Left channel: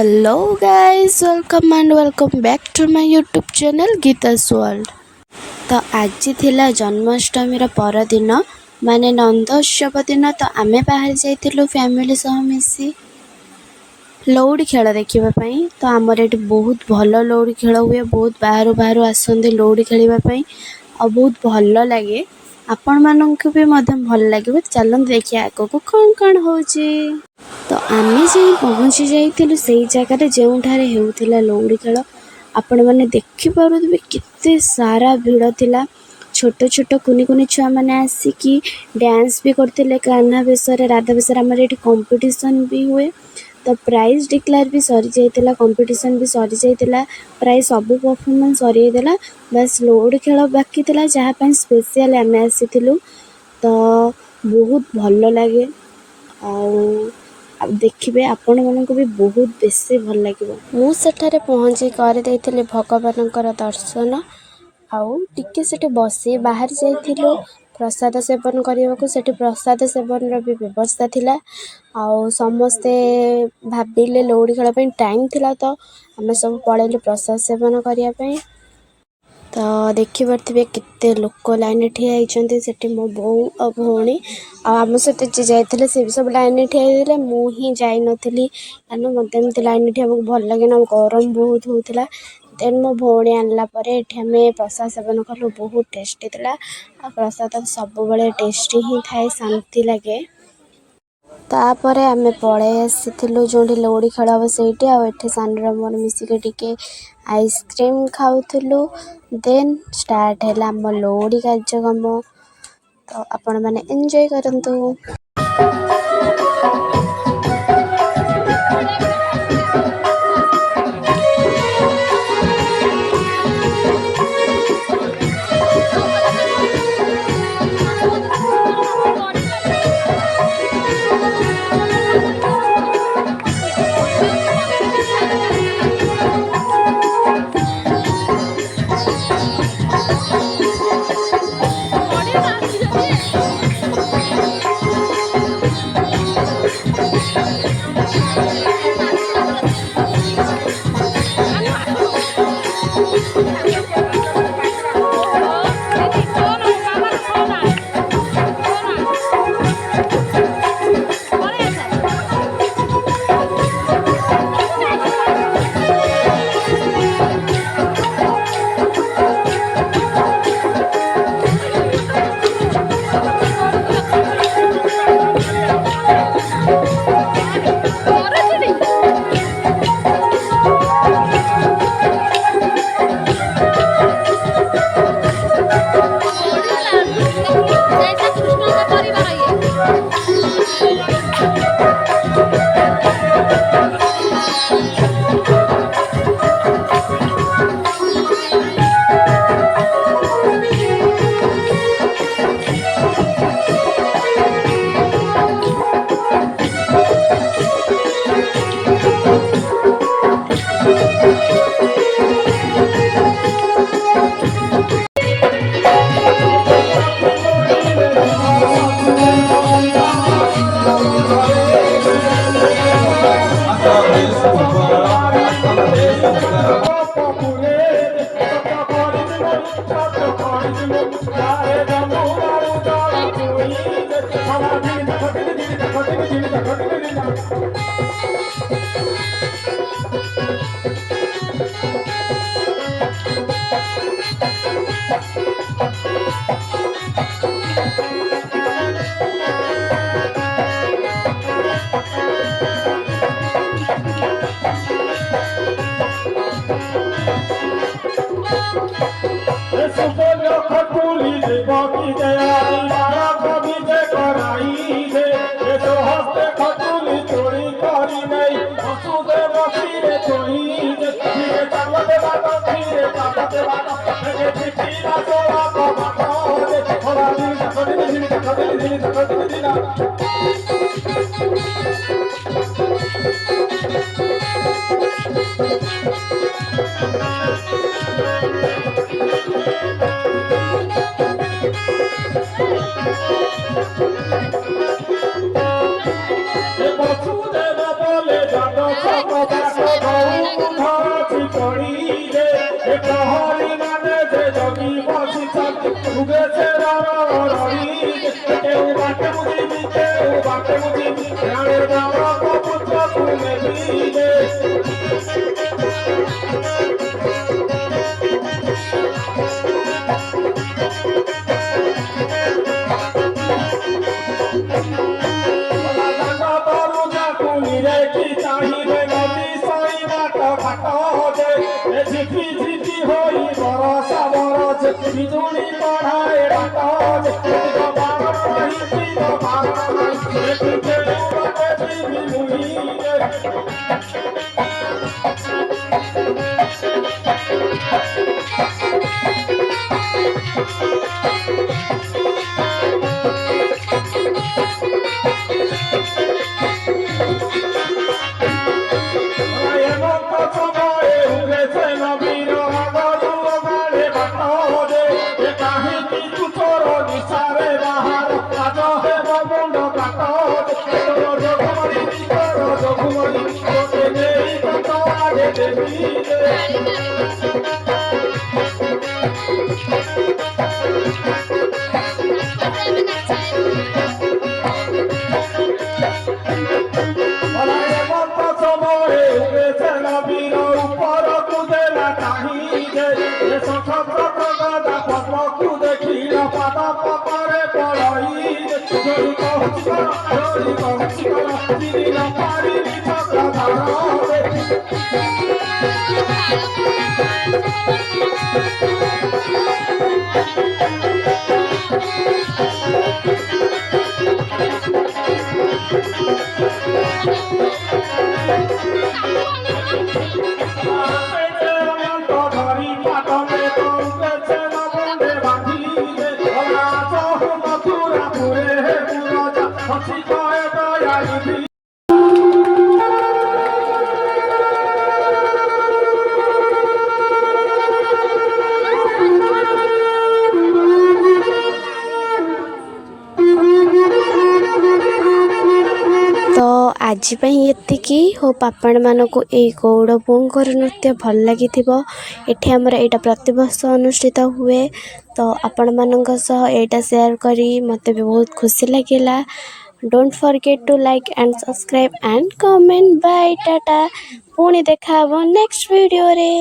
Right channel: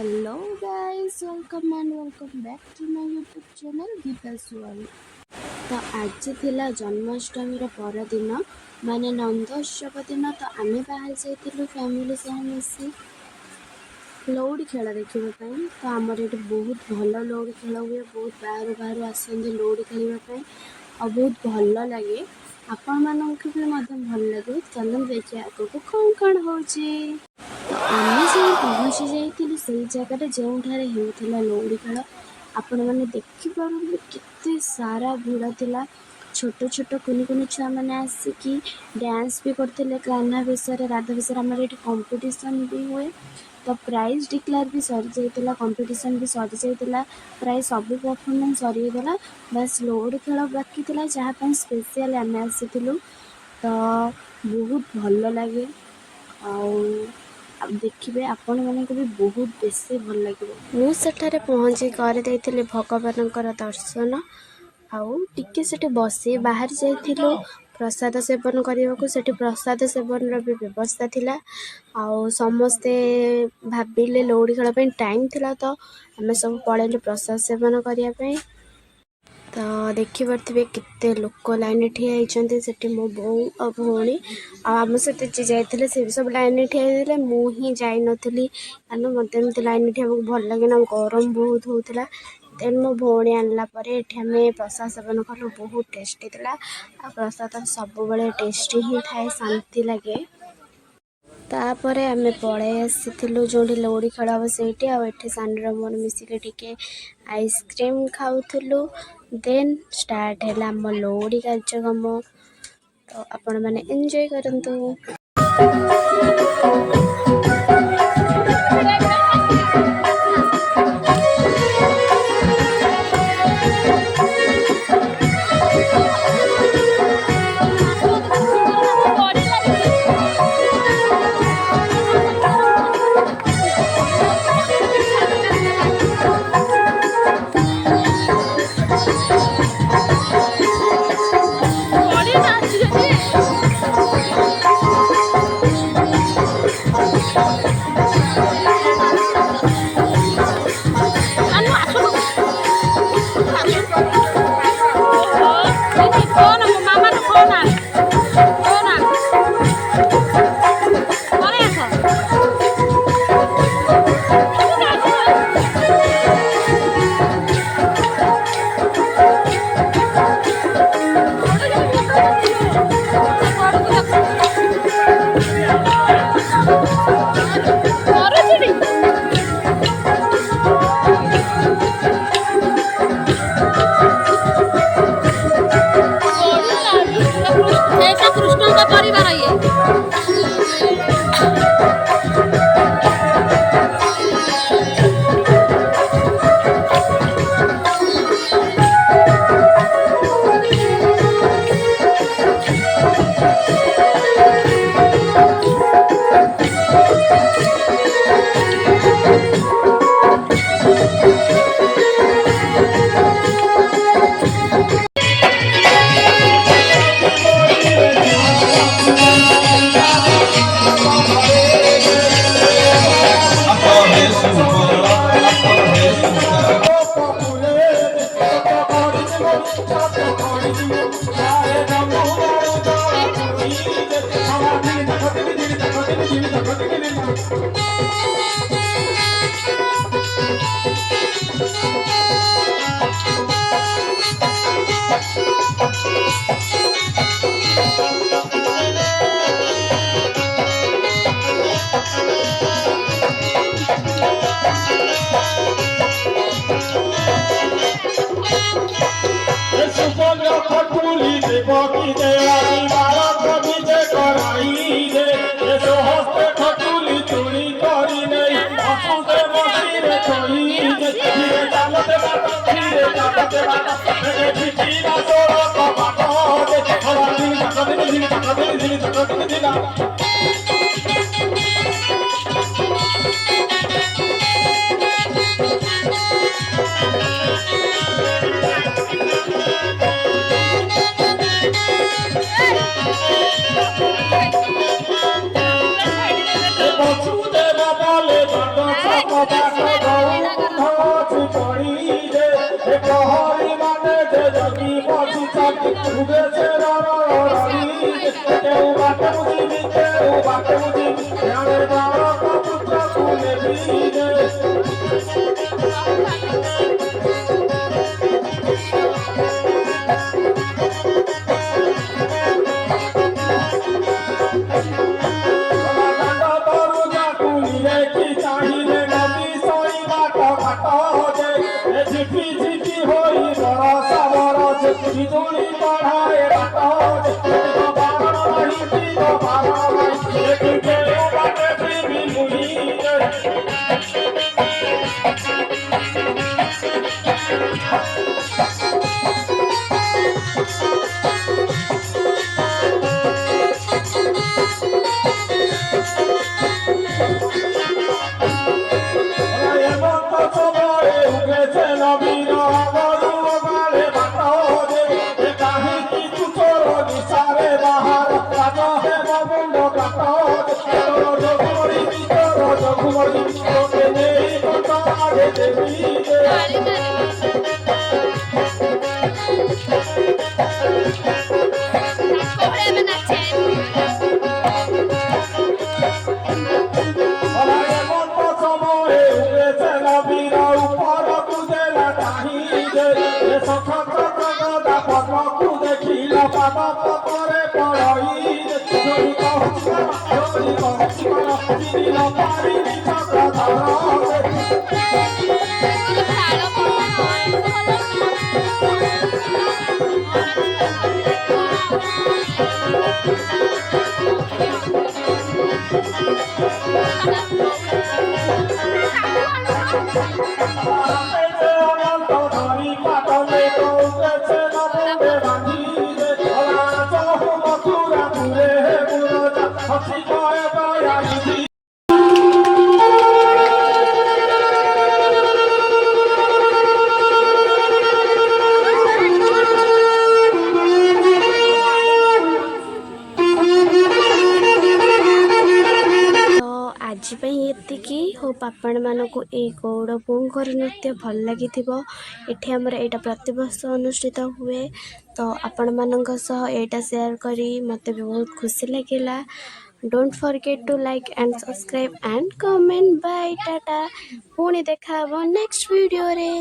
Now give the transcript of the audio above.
Hello guys, welcome back to my YouTube channel Gita's World। तो आज थिला जन्माष्टमी परदिन माने नंदोत्सव दिन। तो आमे बाहर जाइथिलु फैमिली सह मिसी लौड़ी खेल देखापी। तो आमर ये बहुत भल लौड़ी खेल हुए, बहुत बाहर बाहर आसते लौड़ी खेलवाई और बहुत भल लगे। आपण मानक भी भल लगे। चलते देखिए आग को कौन कौन हो। तो आमे जो पहुँची जाइलु से जगार जो होता लौड़ी खेल आपण मैंने देखिपे केते सारा भिड़ थिला। छोट छोट कुनी कुनी छुआ मैंने आसिकी डांस भी करते कान्हा बेश राधा बेश आमर ये कंपटीशन भी हुए। तो प्राइज डिक्लेयर भी सरी जाइला, कंपटीशन भी सरी जाइला, प्राय सब परफॉर्मेंस सरी जाइला। बस लौड़ी खेल बाकी थिला जहाँ स्पेशल आम आसीलु। तो बहुत भल लगे देखिए आपण मानक भी बहुत बेसी भल लगे। मुझे पहुँची कर भगवान दर्शन आउ टिके से बसी बाहर जाइलु प्रसाद सेवन करने को। सेठी प्रसाद सेवन भी व्यवस्था थिला। आउ समस्ते भाविले लौड़ी खेल टाइम थिला तो आम सब पलैलु प्रसाद सेवन करने। तो देखिपे केते लोक लाइन ठिया होती। मो बो और भौणी आम सहित जी जाते से भी सब लाइन ठिया। मुझे जाई नी कारण मत एमती लाइन ठिया भल लगे ना, गरम बहुत होता। देन मो भौणी आनला आम प्रसाद सेवन कलु, बहुत टेस्टी था। प्रसाद सब बड़े टेस्टी ही थाए, शांति लगे। तापर आम पलि आसीलु जो लौड़ी खेल हम से सानर मोर मिसिक टिके आइसक्रीम खाऊलु। देन स्टार्ट है आम लौड़ी कार्यक्रम। तो आपण मैंने एंजॉय करंतु। বিজুলি পড়ায় ଆଜି ପାଇଁ ଏତିକି। ହୋପ୍ ଆପଣମାନଙ୍କୁ ଏଇ ଗୌଡ଼ ପୁଅଙ୍କର ନୃତ୍ୟ ଭଲ ଲାଗିଥିବ। ଏଠି ଆମର ଏଇଟା ପ୍ରତିବର୍ଷ ଅନୁଷ୍ଠିତ ହୁଏ, ତ ଆପଣମାନଙ୍କ ସହ ଏଇଟା ସେୟାର କରି ମୋତେ ବି ବହୁତ ଖୁସି ଲାଗିଲା। Don't forget to like and subscribe and comment. Bye tata. ପୁଣି ଦେଖା ହେବ ନେକ୍ସଟ ଭିଡ଼ିଓରେ।